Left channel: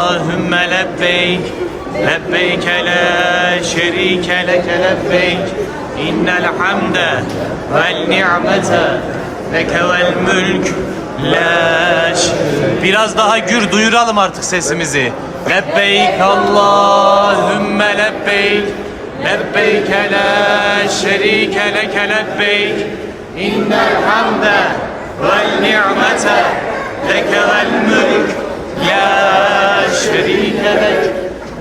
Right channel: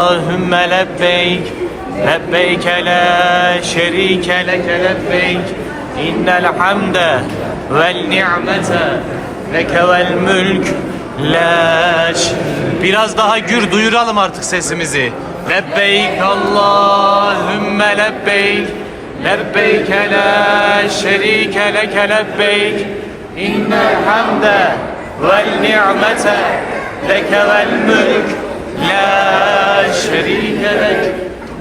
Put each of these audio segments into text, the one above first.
Allahümme lebbeyk, lebbeyke la şerike leke lebbeyk, innel hamde vel ni'mete leke vel mülk la. Biraz daha gür duyuralım artık sesimizi. Lebbeyk Allahümme lebbeyk, lebbeyke la şerike leke lebbeyk, innel hamde vel ni'mete leke vel mülk la şerike lek.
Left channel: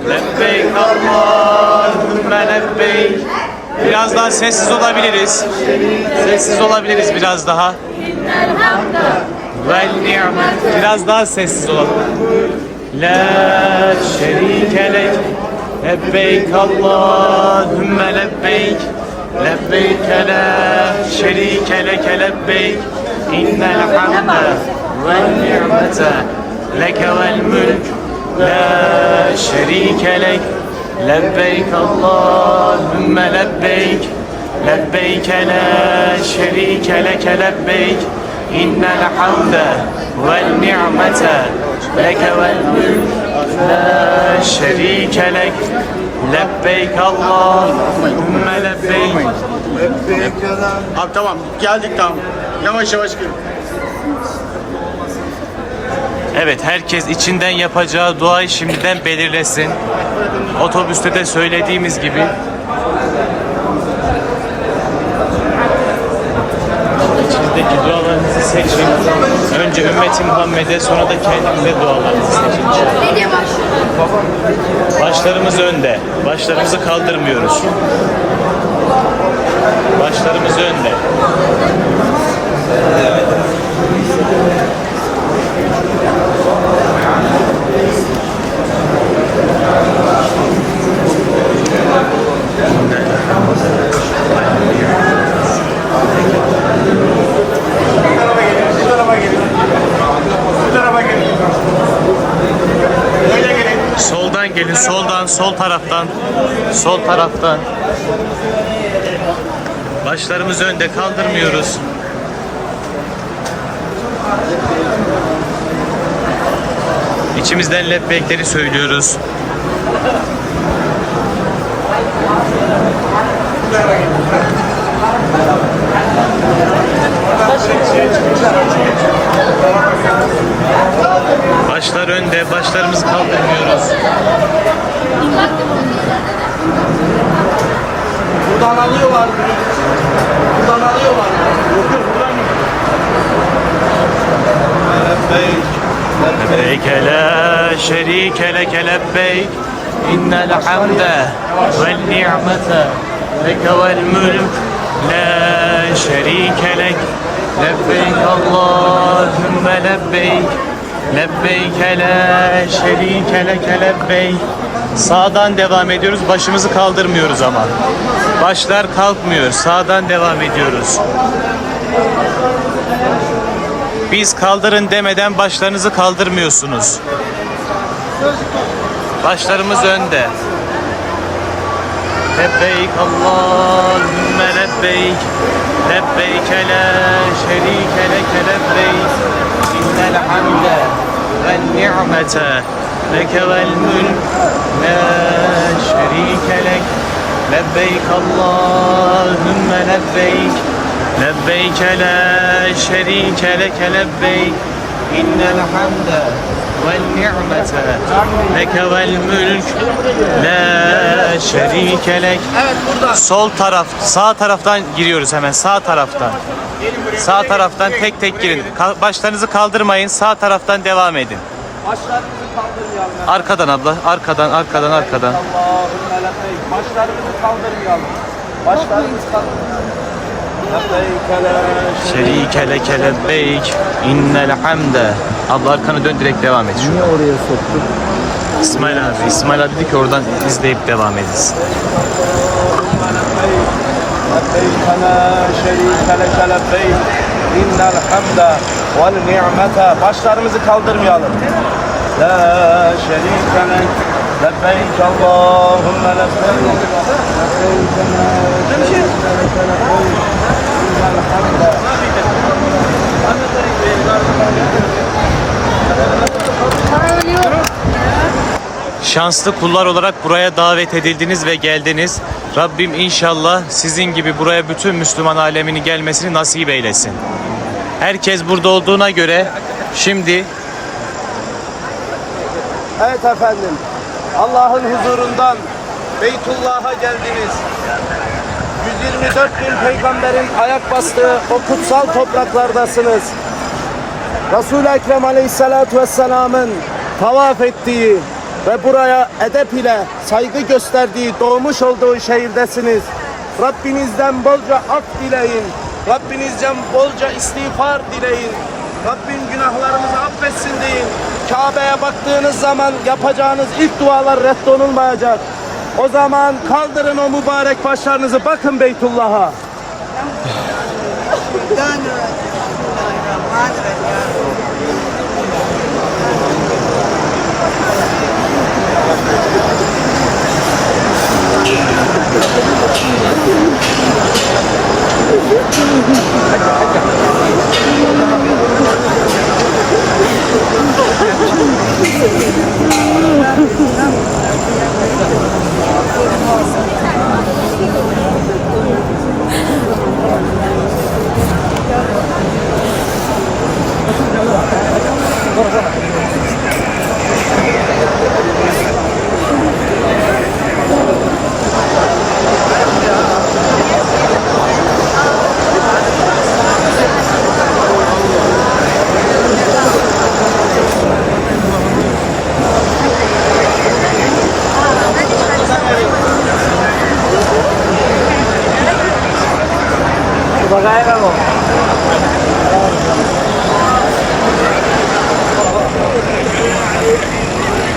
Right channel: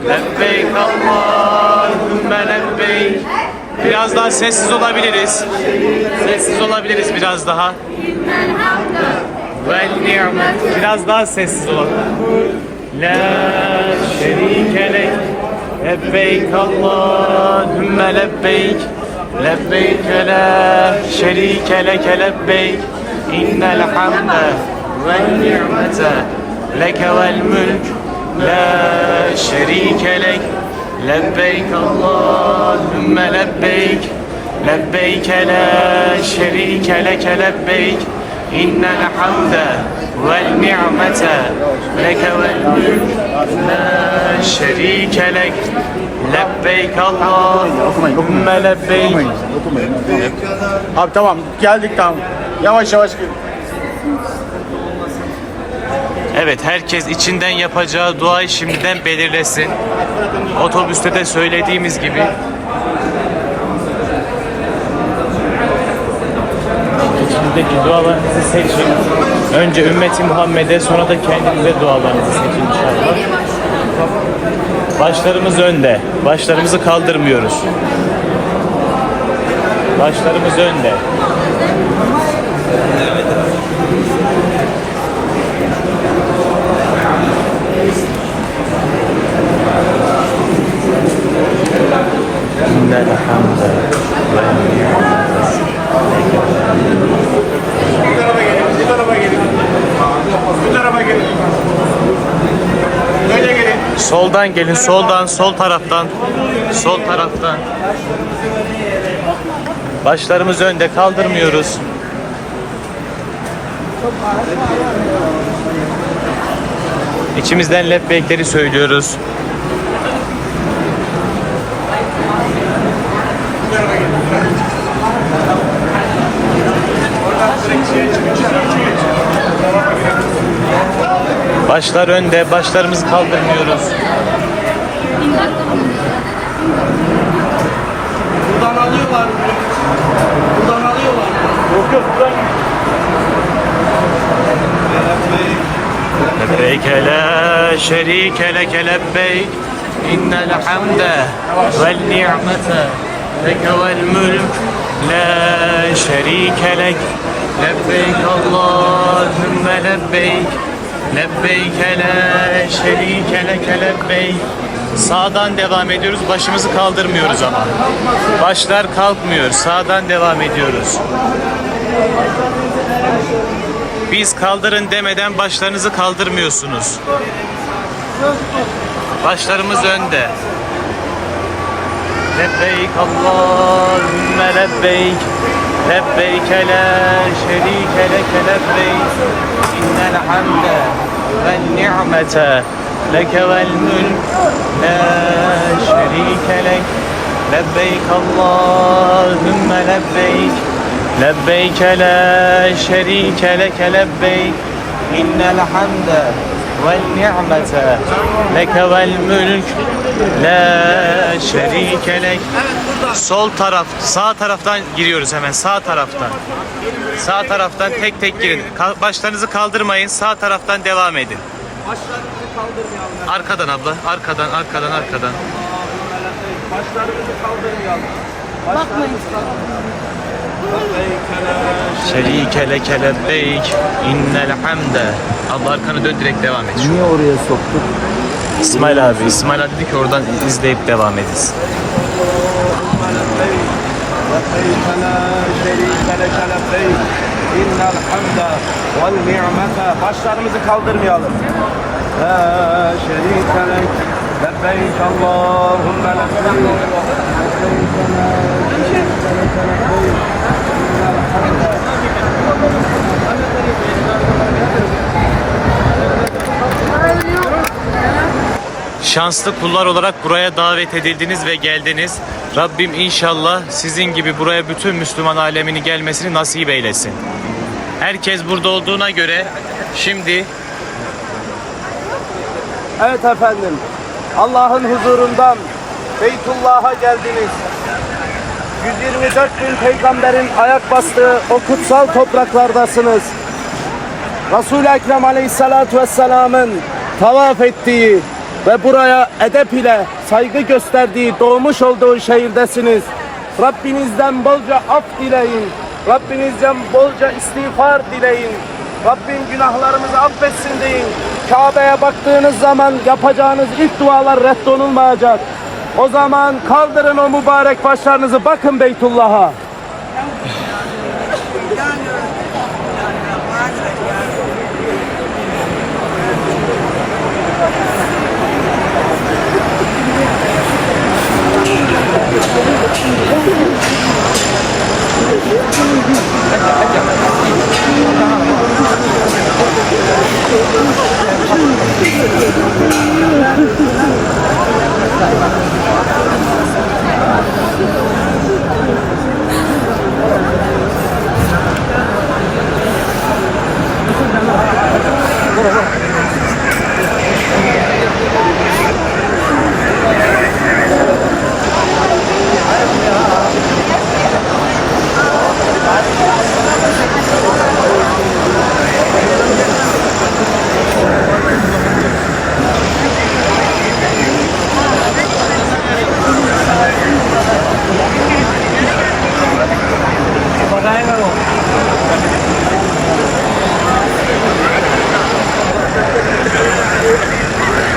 Lebbeyk Allahümme lebbeyk. Biraz daha sessiz olabiliriz. Sessiz olabiliriz biraz daha. Vel ni'met. Biraz daha sessiz olalım. La şerike lek. Lebbeyk Allahümme lebbeyk. Lebbeyk la şerike leke lebbeyk. İnnel hamde vel ni'mete leke vel mülk la şerike lek. Lebbeyk Allahümme lebbeyk. Lebbeyk la şerike leke lebbeyk. İnnel hamde vel ni'mete leke vel mülk la şerike lek. Lebbeyk Allahümme lebbeyk. Abi tamam geldik tamam. Yavaş yavaş gel. Evet, herkes içinden yapacağı duayı şimdiden belirlesin. Otobüste de söylediğimiz gibi. İçinizdeki dualarınızı seçin. Önce ümmeti Muhammed'e, sonra da kendinize dualarınızı seçin. Başlarımız önde. Başlarımızı kaldırmıyoruz. Başlarımız önde. Soldan gelin, soldan, sol taraftan. Sol taraftan. Başlarımız önde, kaldırmıyoruz. İçimizden lebbeyleri söylüyoruz. Başlar önde, başlarımızı kaldırmıyoruz. Buradan alıyorlar. Buradan alıyorlar. Yok yok buradan. Lebbeyk la şerike leke lebbeyk, innel hamde vel ni'mete leke vel mülk la şerike lek. Lebbeyk Allahümme lebbeyk. Lebbeyk la şerike leke lebbeyk. Sağdan devam ediyoruz. Başımızı kaldırmıyoruz ama. Başlar kalkmıyor. Sağdan devam ediyoruz. Biz kaldırın demeden başlarınızı kaldırmıyorsunuz. Başlarımız önde. Lebbeyk Allahümme lebbeyk. Lebbeyk la şerike leke lebbeyk. İnnel hamde vel ni'mete leke vel mülk la şerike lek. Lebbeyk Allahümme lebbeyk. Lebbeyk la şerike leke lebbeyk. İnnel hamde vel ni'mete leke vel mülk la şerike lek. Sol taraf, sağ taraftan giriyoruz hemen, sağ taraftan. Sağ taraftan tek tek girin. Başlarınızı kaldırmayın, sağ taraftan devam edin. Arkadan abla, arkadan, arkadan, arkadan. Şerike leke lebbeyk, innel hamde. Abla arkanı dön, direkt devam et. Niye oraya soktun? İsmail abi dedi ki oradan izleyip devam ediniz. İnnel hamde vel ni'mete. Başlarımızı kaldırmayalım. La şerike lek. Lebbeyk Allahümme lebbeyk. şanslı kullar olarak buraya davet edildiniz ve geldiniz. Rabbim inşallah sizin gibi buraya bütün Müslüman alemini gelmesini nasip eylesin. Herkes burada olduğuna göre şimdi Evet efendim. Allah'ın huzurundan Beytullah'a geldiniz. 124 bin peygamberin ayak bastığı o kutsal topraklardasınız. Resul-i Ekrem Aleyhisselatü Vesselam'ın tavaf ettiği ve buraya edep ile saygı gösterdiği, doğmuş olduğu şehirdesiniz. Rabbinizden bolca af dileyin. Rabbinizden bolca istiğfar dileyin. Rabbim günahlarınızı affetsin deyin. Kabe'ye baktığınız zaman yapacağınız ilk dualar reddolunmayacak. O zaman kaldırın o mübarek başlarınızı, bakın Beytullah'a.